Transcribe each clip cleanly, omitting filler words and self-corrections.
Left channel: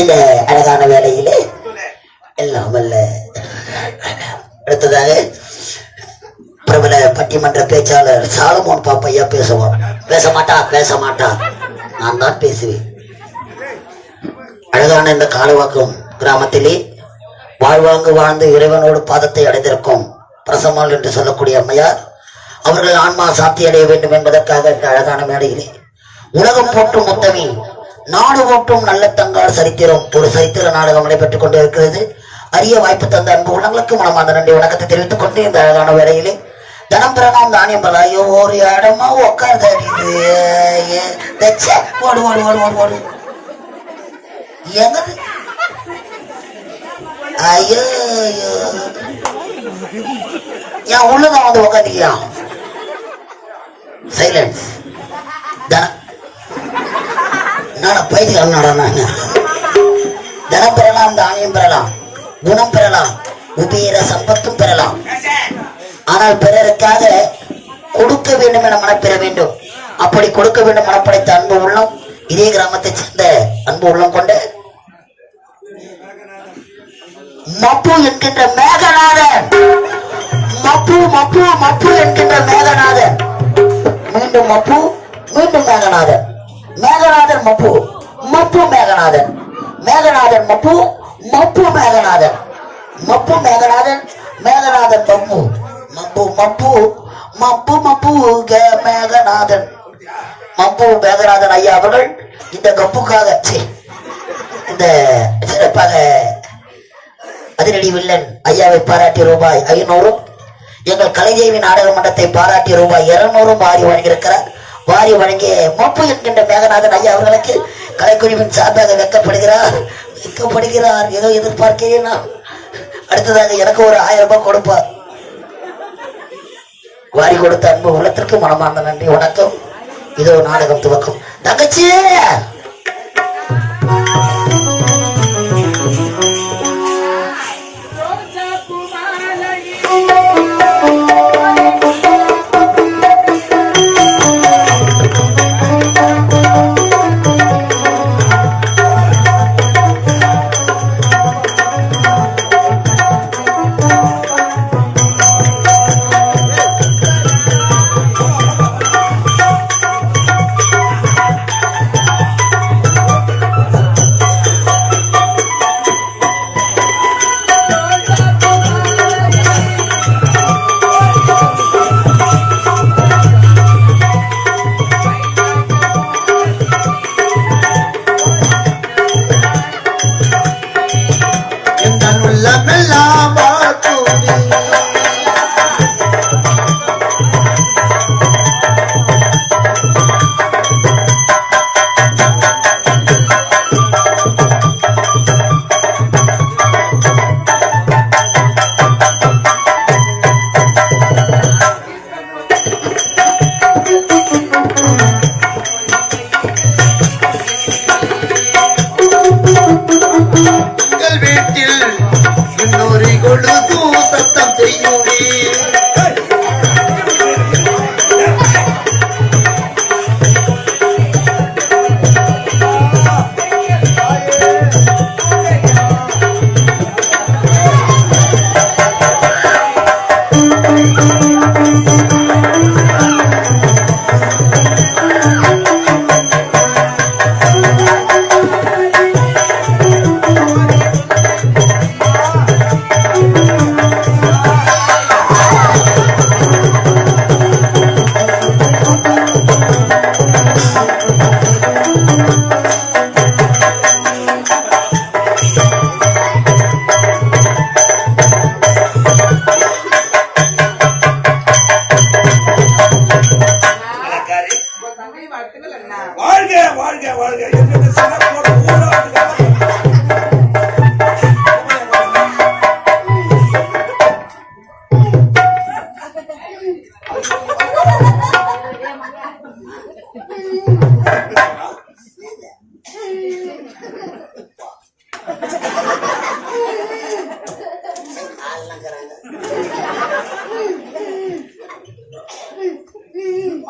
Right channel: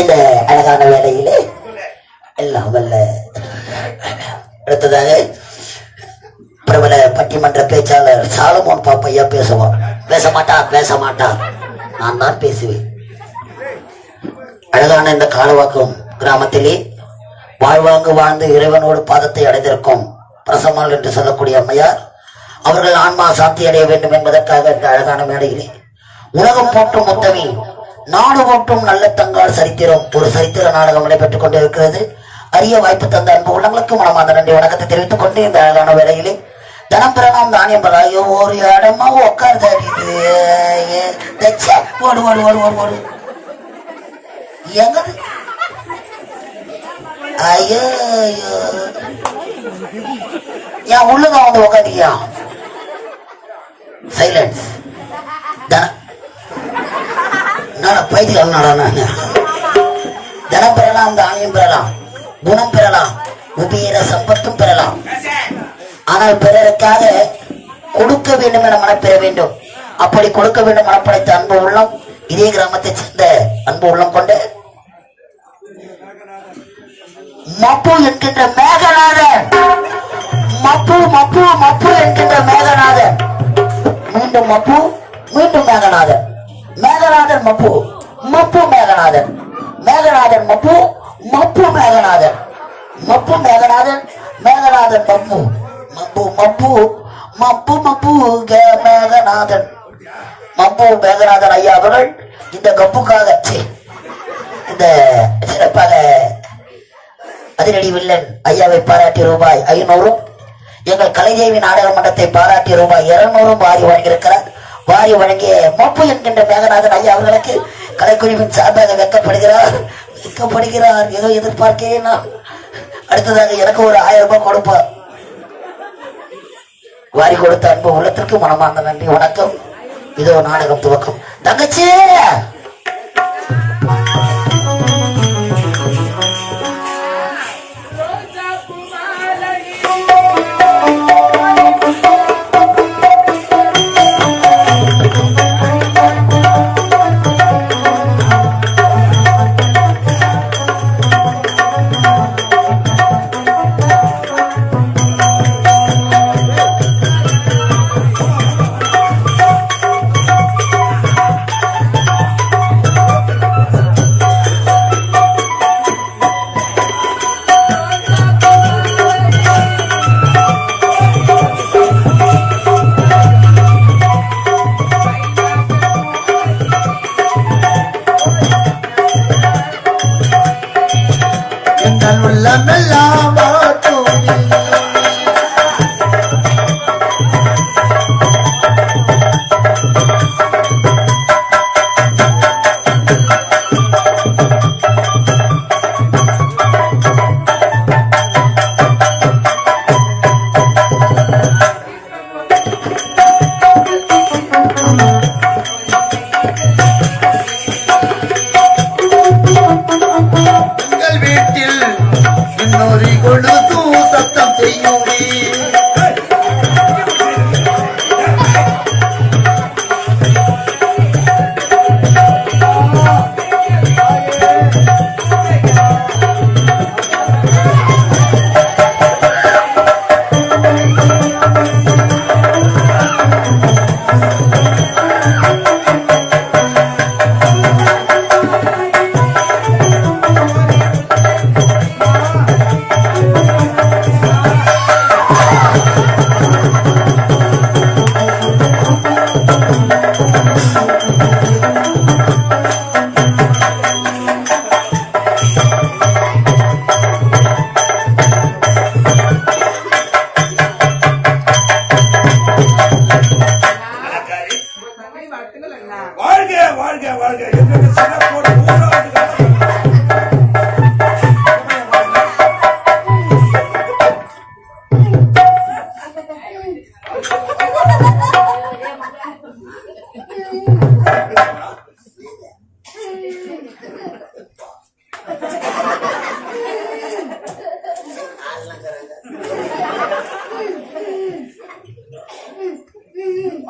இந்த அழகான வேலையிலே எல்லாம் வல்ல அடுத்ததாக பிரபல பட்டிமன்ற பேச்சாளர் சாலமோன் பாப்பையா பேசுவார். பேச மாட்டார், நான் தான் பேசுவேன். அழகான இந்த காலவாக்கம் கிராமத்திலே வாழ்வாங்கு வாழ்ந்து இறைவனோடு பாதத்தை அடைந்திருக்கும் பிரசம்மாள் என்று சொல்லக்கூடிய அம்மையார் அவர்கள் ஆன்மா சாத்தி அடைய வேண்டும் என்பதற்காக இந்த அழகான மேடையிலே உலகம் போற்றும் முத்தமி நாடு போற்றும் நல்ல தங்கால் சரித்திரம் ஒரு சரித்திர நாடகம் நடைபெற்றுக் கொண்டிருக்கிறது. அரிய வாய்ப்பு தந்த அன்பு உள்ளங்களுக்கு மனமார்ந்த நன்றி வணக்கத்தை தெரிவித்துக் கொண்டு இந்த அழகான வேலையிலே தனம் பிறனாம் தானியம் பலாயோ ஒரு இடமா உட்கார்ந்து ஓடு ஓடு ஓடு ஓடு ஓடு எங்கது ஐயோ ஏன் உள்ளதான் வந்து உட்காந்துக்கியா சைலன்ஸ் தனம் பெறலாம் தானியம் பெறலாம் குணம் பெறலாம் உபேர சம்பத்தும் பெறலாம். ஆனால் பிறருக்காக கொடுக்க வேண்டும் என மனப்பெற வேண்டும். அப்படி கொடுக்க வேண்டும் மனப்படைத்த அன்பு உள்ளம் இதே கிராமத்தை சேர்ந்த அன்பு உள்ளம் கொண்ட மப்பு என்கின்ற மேகநாதன் மப்பு மப்பு மப்பு என்கின்ற மேகநாதன் மீண்டும் மப்பு மீண்டும் மேகநாதன் மேகநாதன் மப்பு மப்பு மேகநாதன் மேகநாதன் மப்பு மப்பு மேகநாதன் மப்பு மேகநாதன் மேகநாதன் மப்பு மப்பு மப்பு மப்பு மப்பு மேகநாதன் மப்பு மேகநாதன் ஐயா அவர்கள் இந்த கப்புக்காக இந்த சிறப்பாக அதிரடி வில்லன் ஐயாவை பாராட்டி ரூபாய் 500 எங்கள் கலைதேவி நாடக மன்றத்தை பாராட்டி ரூபாய் 200 வாரி வழங்கியிருக்கிறார். வாரி வழங்கிய மப்பு என்கின்ற மேகநாதன் ஐயா அவர்களுக்கு கலைக்குழுவின் சார்பாக வெக்கப்படுகிறார். ஏதோ எதிர்பார்க்கிறேன். அடுத்ததாக எனக்கு ஒரு 1000 ரூபாய் கொடுப்பார். வாரி கொடுத்த அன்பு உள்ளத்திற்கு மனமார்ந்த நன்றி வணக்கம். இதோ நாடகம் துவக்கம். தங்கச்சி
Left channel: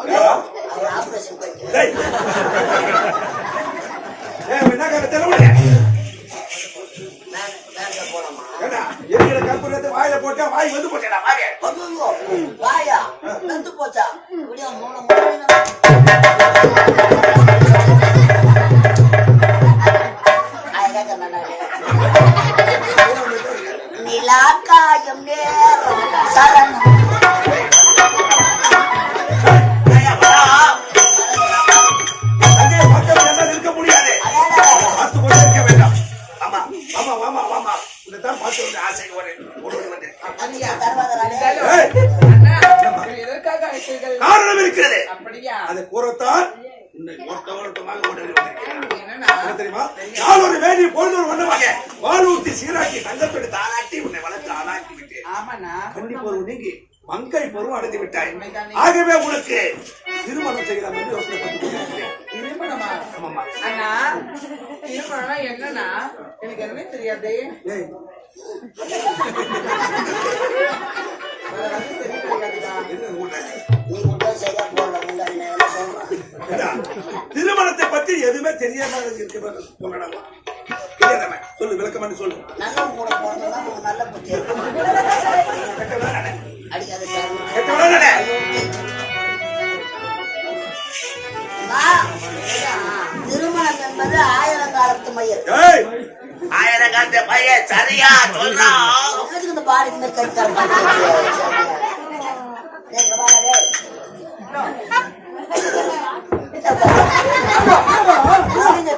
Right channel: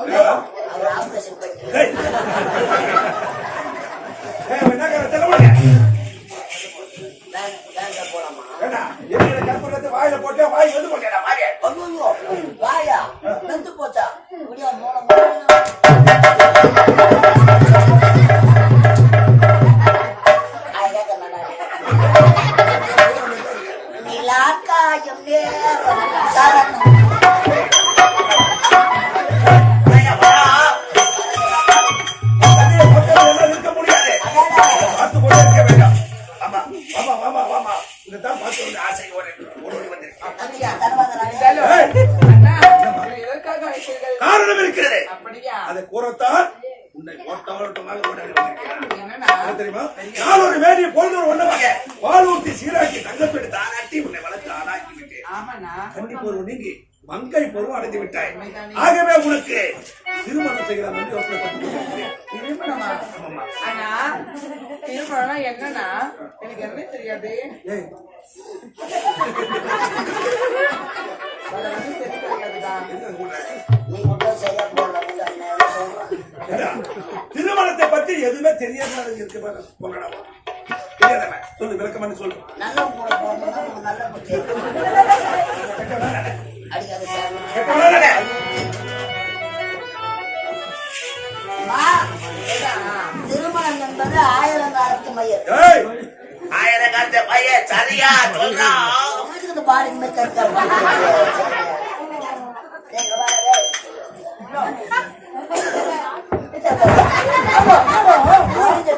அவர் ஆபரேஷன் பண்ணி போலாமா? வாயில போட்டா வாய் வந்து போச்சா வாயா வந்து போச்சா மூலம் நிலாக்காயம் நேரம் சரணம் இருக்க முடியாது. பார்த்து கொண்டே இருக்க வேண்டாம். ஆமா ஆமா ஆமா ஆமா இதைத்தான் பார்த்து வந்து ஆசை ஓடி வந்தேன். காரணம் இருக்கிறது. அதை கூறத்தான் உன்னை ஓட்டமாக தெரியுமா? நாளொரு வேதி பொழுதொரு ஒன்றமாக வாழ்வூட்டி சீராக்கி தங்கப்பெடு தானாட்டி உன்னை வளர்த்து ஆளாக்கி விட்டேன். கன்னி பருவம் நீங்கி மங்கை பருவம் அடைந்து விட்டாய். ஆகவே உனக்கு திருமணம் செய்யலாம் என்று யோசனை பண்ணி கொண்டிருக்கிறேன். திருமணமா? அண்ணா திருமணம் என்னன்னா எனக்கு எதுவுமே தெரியாது. திருமணத்தை பத்தி எதுவுமே தெரியாம சொல்லு, விளக்கம் சொல்லு. நல்ல கூட போனதுன்னா நல்ல பத்தி அடிக்காத திருமணம் என்பது ஆயிரங்காலத்து மையம். ஆயிரங்காலத்து மையம் சரியா சொல்றான். இந்த பாடி கை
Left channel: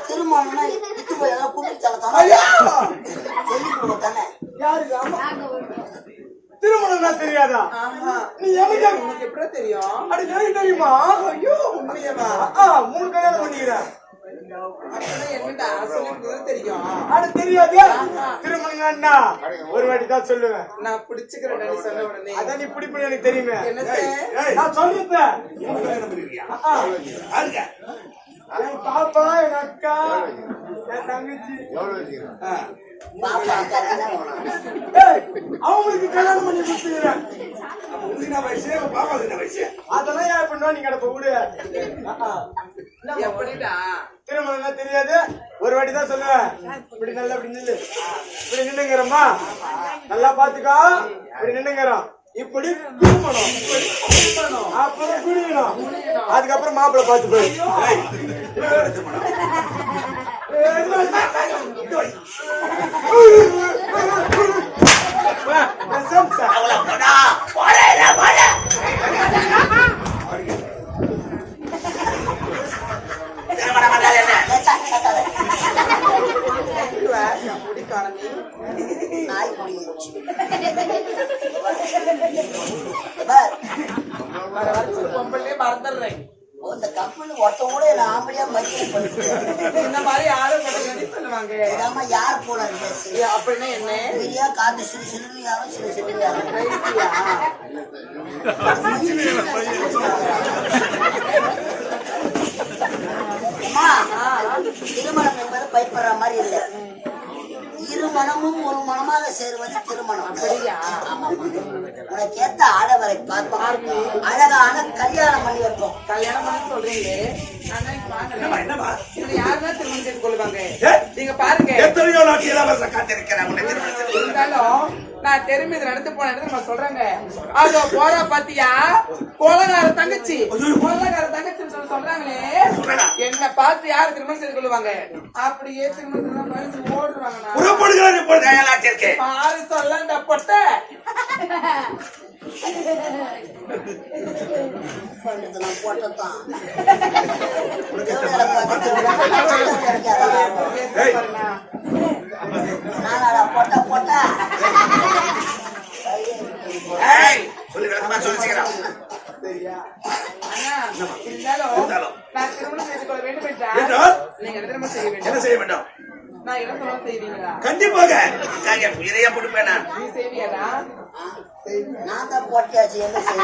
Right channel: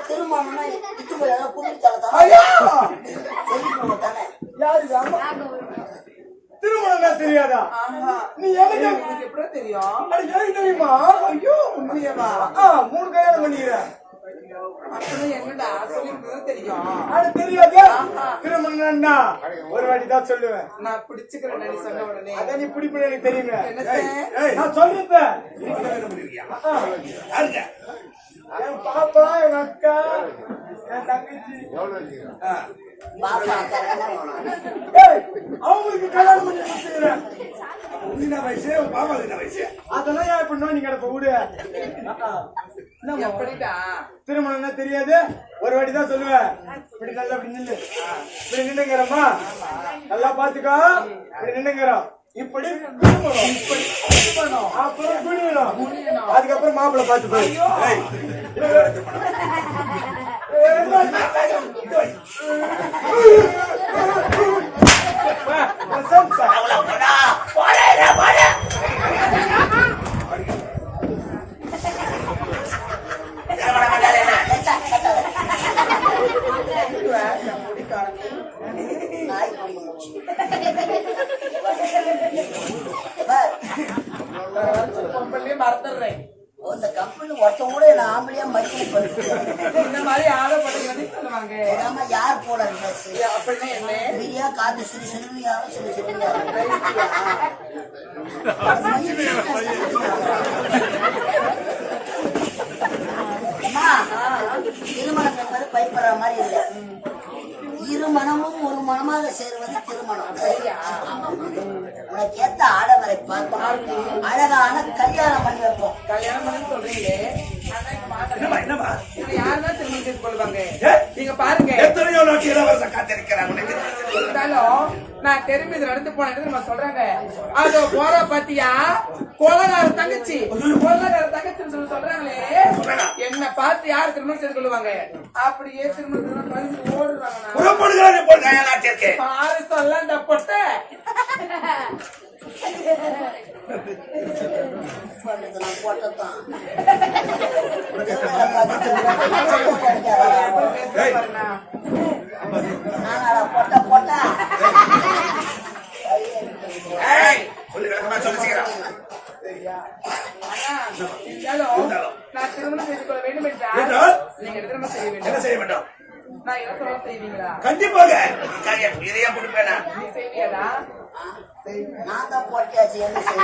திருமணம்னா இது போய் அதெல்லாம் கும்பிட்டு தானே திருமணம் தெரியாதா? நீ எனக்கு எப்படி தெரியும்? அது எனக்கு தெரியுமா? ஐயோ உண்மையமா? 3 கல்யாணம் பண்ணிக்கிறேன். என்னடா தெரியும்? அது தெரியாது. திருமணம் என்ன ஒரு வாட்டி தான் சொல்லுவேன். நான் பிடிச்சுக்கிறேன் நீ சொன்ன உடனே. அதான் நீ பிடிப்பு எனக்கு தெரியுமே. நான் சொல்லிருப்பேன். என் பாப்பா, என் அக்கா, என் தங்கச்சி அவங்களுக்கு கல்யாணம் பண்ணி கொடுத்துக்கிறேன். வயசு வயசு அதெல்லாம் ஏன் பண்ணுவா? நீ கிடப்ப விடு. திருமணம்னா தெரியாது ஒரு வாட்டி தான் சொல்லுவேன். இப்படி நல்லா இப்படி நில்லு, இப்படி நின்னுங்கிறோமா? நல்லா பாத்துக்கோ. இப்படி நின்னுங்கிறோம். இப்படி குடிக்கணும், அப்புறம் குடிக்கணும். அதுக்கப்புறம் மாப்பிள்ளை பார்த்து போய் மறந்துடுறேன். இந்த கம்பெனி ஒருத்த கூட நான் ஆம்பளையா மதியம் இந்த மாதிரி யாரும் சொல்லுவாங்க. யார் போல அப்படின்னு என்ன பெரியா காத்து சிறு சிறு யாரும் சிறு சிறு திருமணம் என்பது பயப்படுற மாதிரி இல்லை. இரு மனமும் ஒரு மனமாக சேருவது திருமணம். உனக்கு ஏத்த ஆடவரை பார்ப்போம், அழகான கல்யாணம் பண்ணி வைப்போம். கல்யாணம் பண்ணி சொல்றீங்களே, யாருதான் திருமணம் செய்து கொள்வாங்க? நீங்க பாருங்க, எத்தனையோ நாட்டு இளவரச காத்திருக்கிறேன். இருந்தாலும் நான் தெரிஞ்சு இதை நடந்து போனேன் நம்ம சொல்றேங்க. அதோ போற பாத்தியா கொலகார தங்கச்சி, கொலகார தங்கச்சி சொல்றாங்களே, என்ன பார்த்து யாரு திருமணம் செய்து கொள்வாங்க? அப்படியே திருமணம் ஓடுறாங்க. பாரு சொல்ல பொட்ட நான் போட்டதான் நானா போட்ட போட்ட சொல்லி விளக்கமா சொல்லிச்சுக்கிறேன். நான் திருமணம் செய்து கொள்ள வேண்டும் என்றால் நீங்க திருமணம் செய்ய வேண்டும். என்ன செய்ய வேண்டும்? நான் என்ன சொல்ல செய்வீங்களா? கண்டிப்பாக உயிரையா கொடுப்பேனா? நீ செய்வியாடா? நான் தான் போட்டியாச்சு. என்ன செய்ய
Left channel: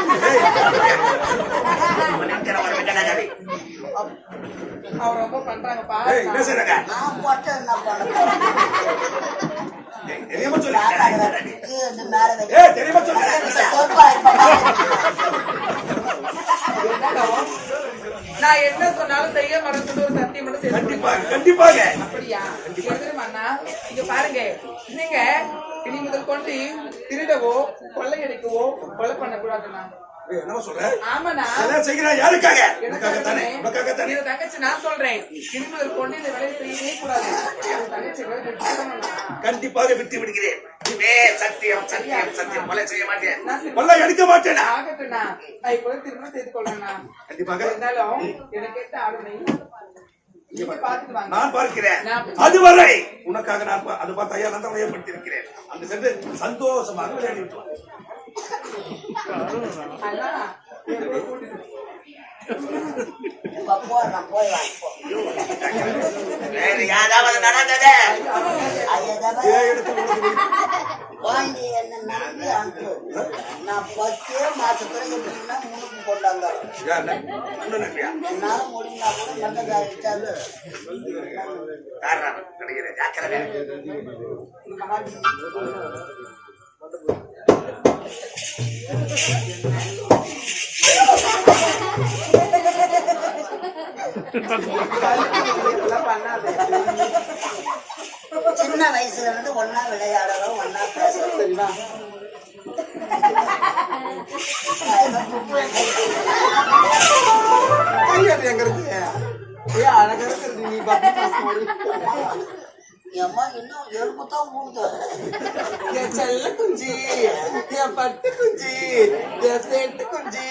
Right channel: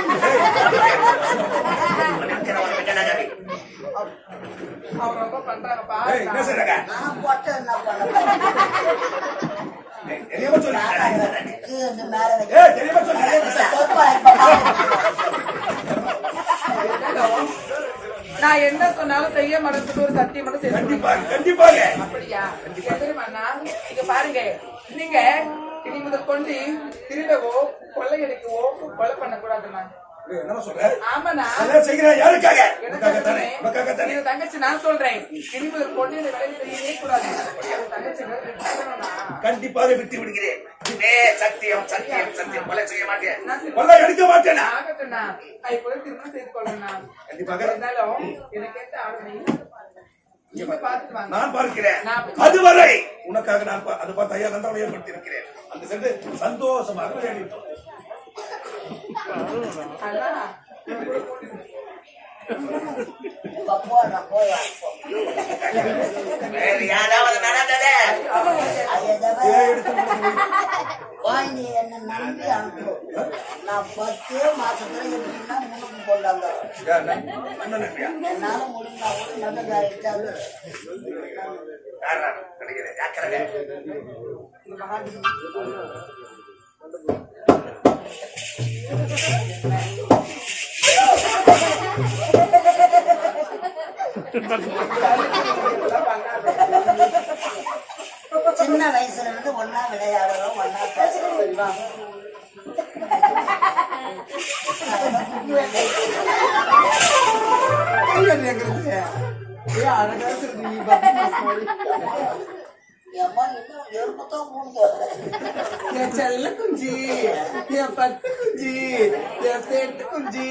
அவர் ரொம்ப பண்றாங்கப்பா. என்ன செய்றாங்க? நான் போட்ட என்ன பண்ண தெரியாம சொல்லு. மேல வைக்க தெரியாம சொல்லு. நான் என்ன சொன்னாலும் செய்ய மாட்டேன்னு ஒரு சத்தியம் மட்டும் செய்ய கண்டிப்பாக கண்டிப்பாக அப்படியா எதிரமாண்ணா இங்க பாருங்க நீங்க இனி முதல் கொண்டு திருடவோ கொள்ளையடிக்கவோ கொலை பண்ண கூடாதுண்ணா என்னமா சொல்ற ஆமாண்ணா அதான் செய்கிறேன் யாருக்காக உனக்காக தானே உனக்காக தானே இது தங்கச்சி நான் சொல்றேன் இனி முதல் கொண்டு இந்த வேலையை செய்யவே கூடாது தங்கச்சி கண்டிப்பாக விட்டு விடுகிறேன் இதே சத்தியம் சத்தியம் சத்தியம் கொலை செய்ய மாட்டேன் கொலை எடுக்க மாட்டேன் ஆகட்டும்ண்ணா நான் இப்போது திருமணம் செய்து கொள்ளணும்ண்ணா கண்டிப்பாக இருந்தாலும் எனக்கு ஏற்ற ஆளுமை நான் பார்க்கிறேன் அதுவரை உனக்காக நான் அது பார்த்து ஐயா நந்தவனை ஏற்படுத்தி இருக்கிறேன் அந்த சென்று சந்தோஷமாக விளையாடிட்டு வேறு யாராவது நடந்தது என்ன நம்பி அனுப்பு நான் 10 மாசத்துல எப்படின்னா முன்னுக்கு கொண்டாந்தோம் என்னால முடிஞ்சா கூட நல்லதாயிட்டாரு சின்ன வயசுல இருந்து ஒன்னா விளையாடுறோம் ஒன்னா பேசுறோம் அம்மா இன்னும் எருப்புதான் போகுது என் செல்ல குஞ்சி என் பட்டு குஞ்சி என் செட்டு குஞ்சி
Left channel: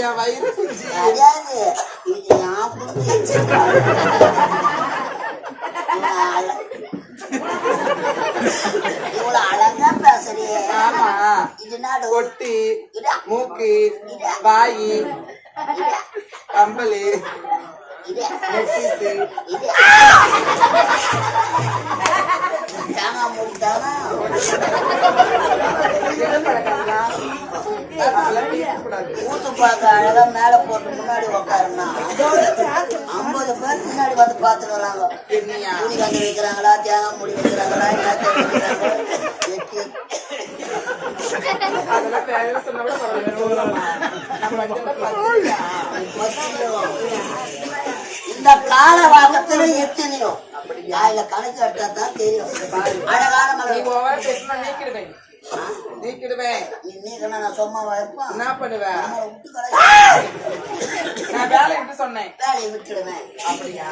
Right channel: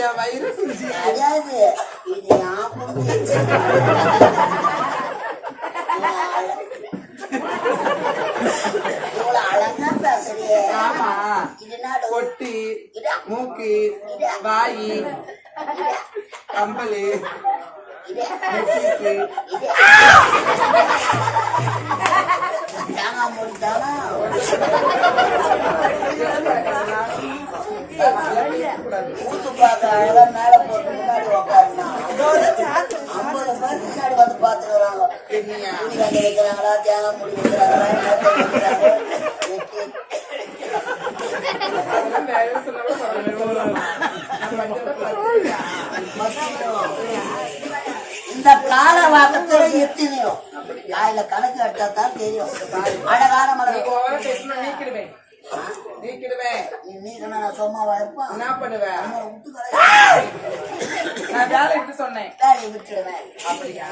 என் வயிறு குஞ்சி அதாவது இது இவ்வளவு அழகா பேசுறியே இது நாடு கொட்டி மூக்கு வாயி கம்பளி ஊத்து பார்க்க அழகா மேல போட்டு முன்னாடி உட்காருனா 50 பேர் முன்னாடி வந்து பாத்துட்டு வராங்க துணி கண்ணி வைக்கிறாங்களா தேங்காய் முடி வைக்கிறாங்களா அதெல்லாம் வேலை சொல்ல இந்த கால வாக்கத்துல எத்தனையோ அதுல கணக்கு எடுத்தா தான் தெரியும் அழகான மலர் நீக்கிடுவேன் நீக்கிடுவேன் நீ நீக்கணும் நான் சும்மாவா இருப்பேன் என்ன பண்ணுவேன் விட்டு கடை நான் வேலையை விட்டு சொன்னேன் வேலையை விட்டுடுவேன் அப்படியா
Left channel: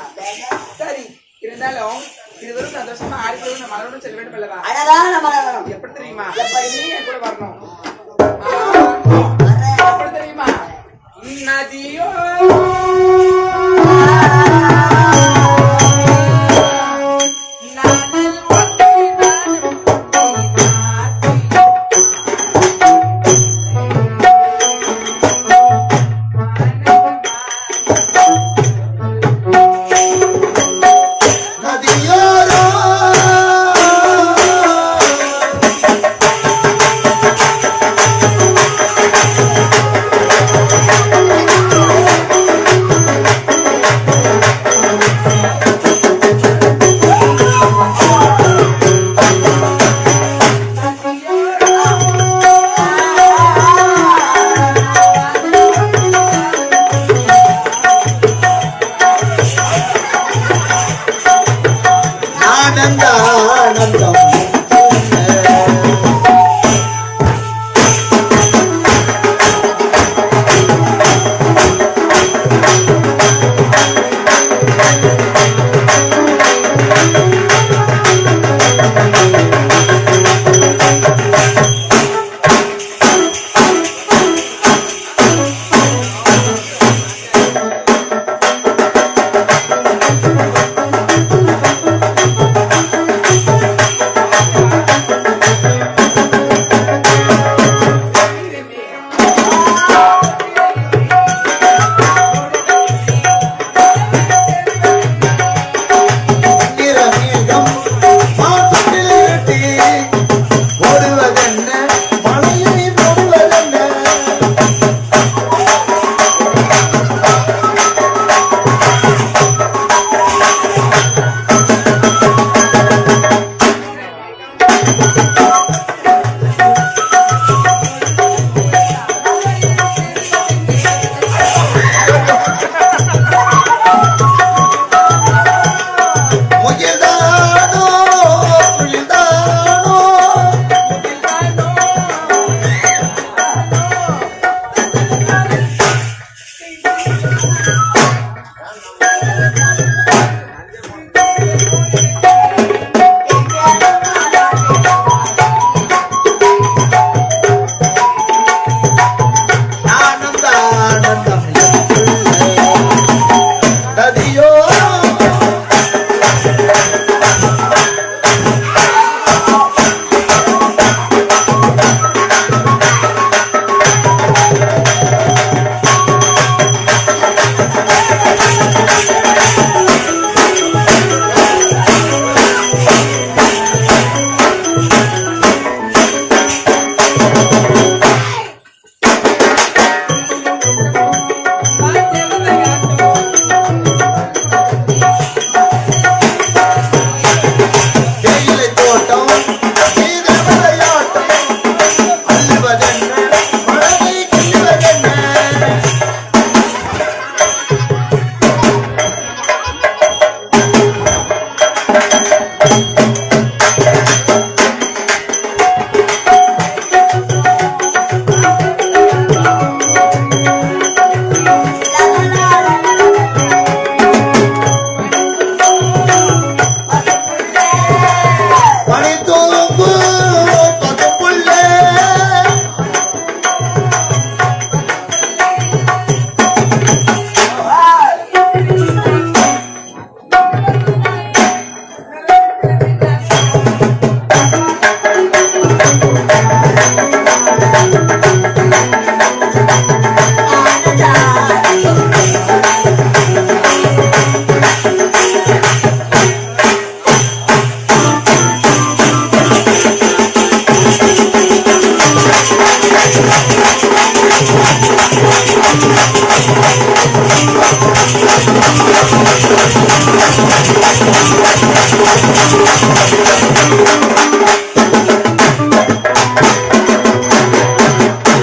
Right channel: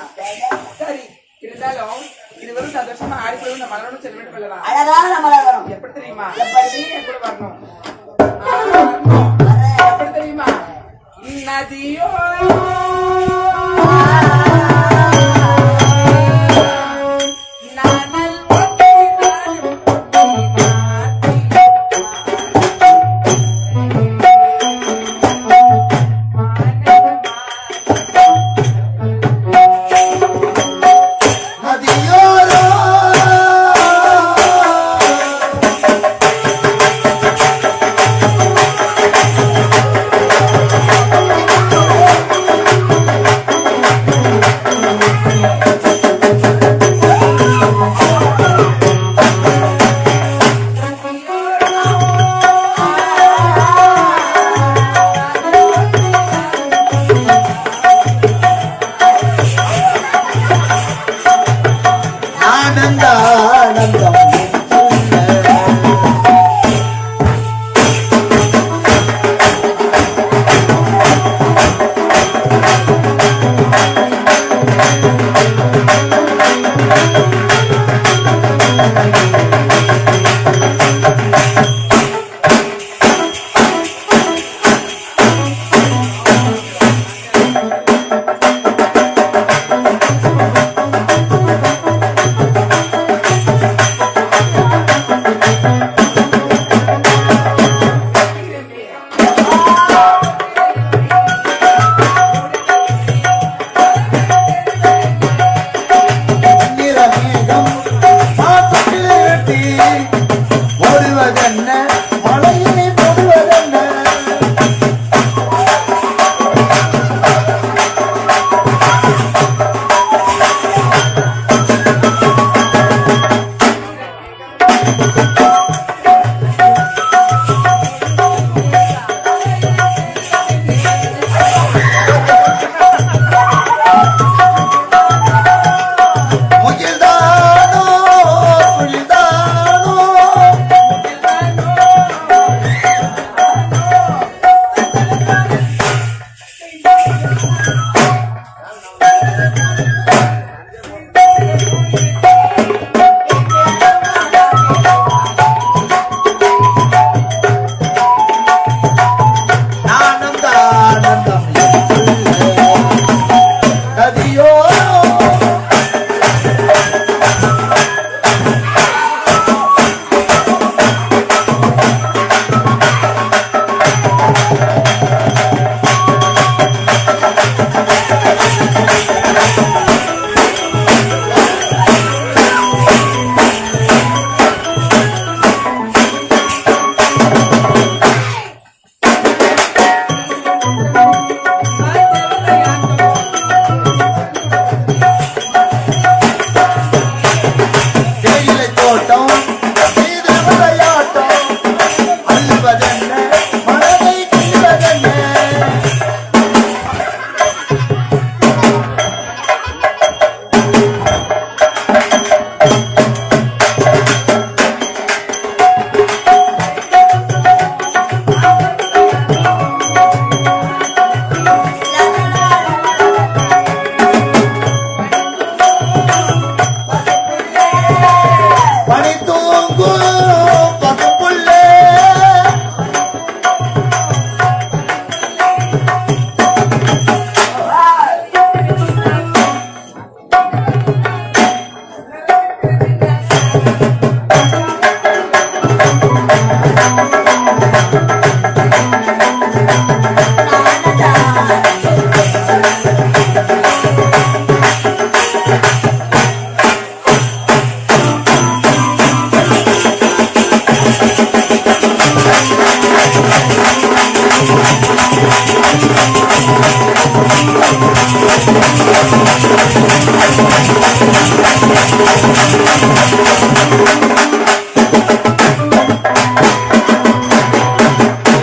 சரி இருந்தாலும் இதுவரை சந்தோஷமா ஆடிப்போய் இந்த மனோட செல்ல வேண்டும் அல்லவா அழகான மலர் எப்படி தெரியுமா எப்படி? நீ என் கூட வரணும் எப்படி தெரியுமா நதியோ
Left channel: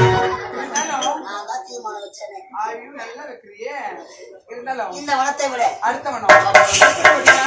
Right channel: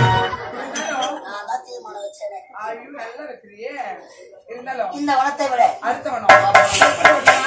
நான் தான் தீர்மானம் வச்சேனே. ஐயோ நல்லா இருக்கிறியே இருந்தாலும் இந்த வனத்தை விட அடுத்த மனம்